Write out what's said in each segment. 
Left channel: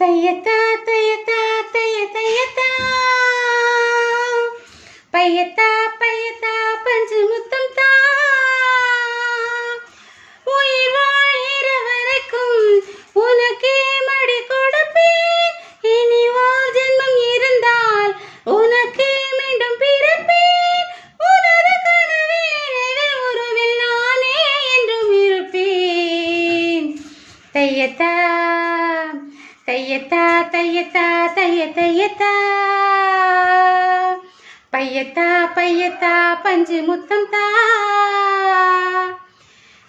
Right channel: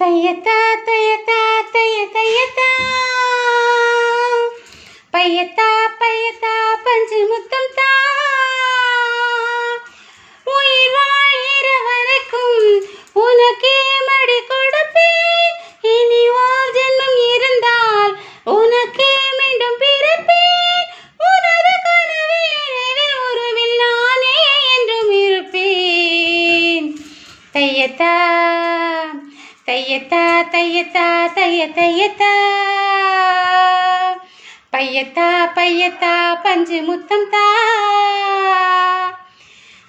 தையத்தா தையத்தா தைய தையத்தா பையத்தா பையத்தா பஞ்சு முத்தம் தா உயிர் வாழ்கிற வரைக்கும் உனக்கே மடி கொடுப்பேன். இனி ஓர் ஜென்மம் இருந்தால் உனக்கே மீண்டும் பிறப்பேன். உனது கனவில் நினைவில் உருவில் நானே என்றும் இருப்பேன். தையத்தா தையத்தா தையத்தா தைய தையத்தா பையத்தா பையத்தா பஞ்சு முத்தம் தா.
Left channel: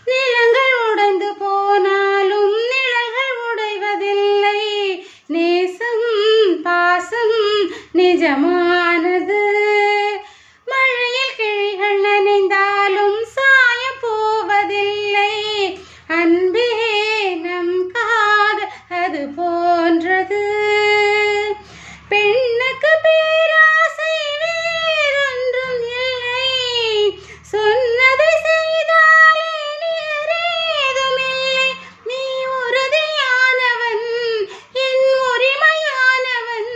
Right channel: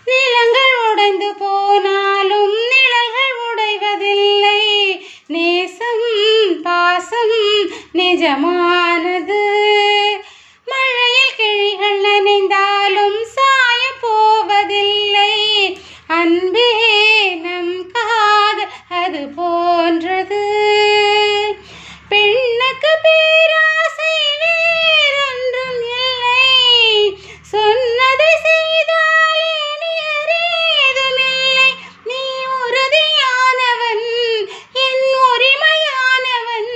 நிலங்கள் உடைந்து போனாலும் நிழல்கள் உடைவதில்லை. நேசம் பாசம் நிஜமானது. மழையில் கிளிகள் நனைந்தாலும் சாய போவதில்லை. அன்பே நம் காதல் அது போன்றது. பெண்ணுக்கு பேராசை வேறொன்றும் இல்லை. சொன்னதை செய்தாலே நிகரேதுமில்லை. நீ உறுதியானவன், என் உரிமையானவன்.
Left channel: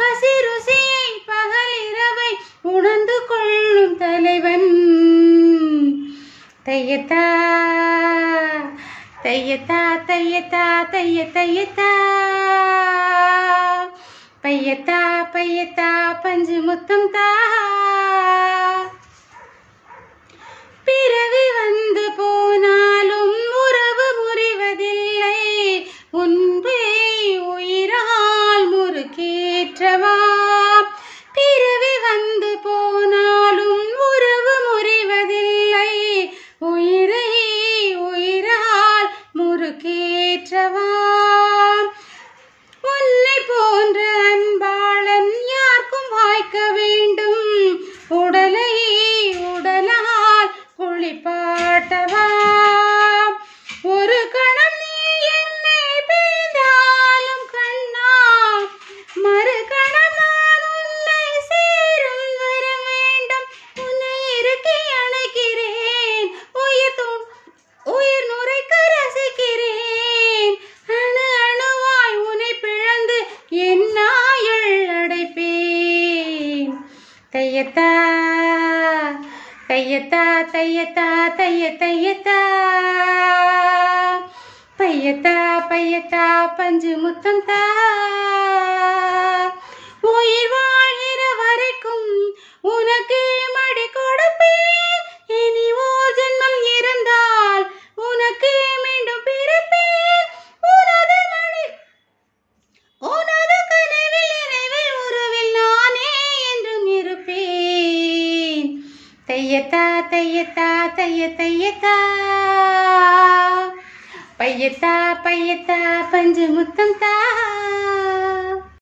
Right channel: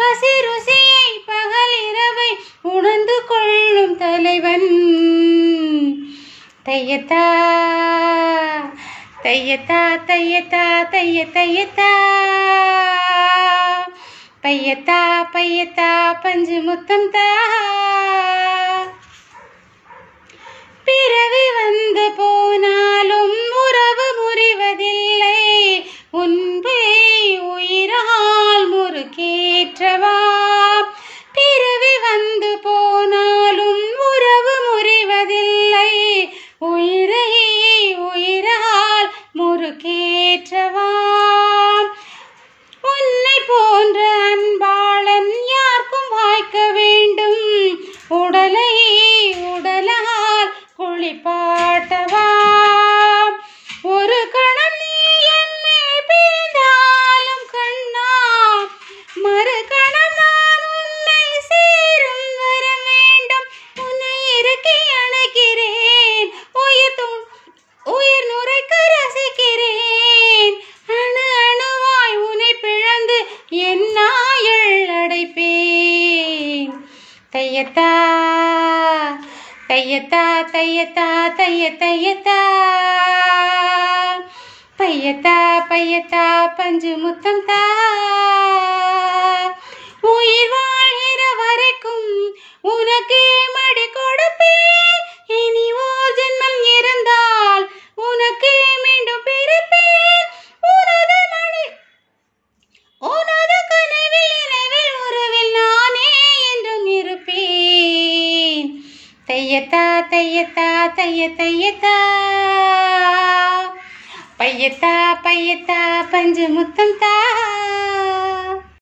பசி ருசியை பகல் இரவை உணர்ந்து கொள்ளும் தலைவன். தையத்தா தையத்தா தையத்தா தைய தையத்தா பையத்தா பையத்தா பஞ்சு முத்தம் தா. பிறவி வந்து போனாலும் உறவு முறிவதில்லை. உன்பை உயிரால் முறுக்கேற்றவா. பிறவி வந்து போனாலும் உறவு முறிவதில்லை. உயிரை உயிரால் முறுக்கேற்றவா. உன்னை போன்ற அன்பாளன் யாருக்கும் வாய்க்க வேண்டும். உடலை உடலால் குளிப்பாட்டவா. ஒரு கணம் நீ என்னை பிரிந்தாலும் கண்ணா, மறு கணம் நான் உன்னை சேரும் வர வேண்டும். உன்னை இறுக்கி அணைக்கிறேன். உயிர் நுரைக்க ரசிக்கிறேன். அணு அணுவாய் உன்னை பிளந்து என் நாயுள் அடைப்பேன். தையத்தா தையத்தா தையத்தா தைய தையத்தா பையத்தா பையத்தா பஞ்சு முத்தம் தா. உயிர் வாழ்கிற வரைக்கும் உனக்கே மடி கொடுப்பேன். இனி ஓர் ஜென்மம் இருந்தால் உனக்கே மீண்டும் பிறப்பேன். உனது கனவில் நினைவில் உறவில் நானே என்றும் இருப்பேன். தையத்தா தையத்தா தைய தையத்தா பையத்தா பையத்தா பஞ்சு முத்தம் தா.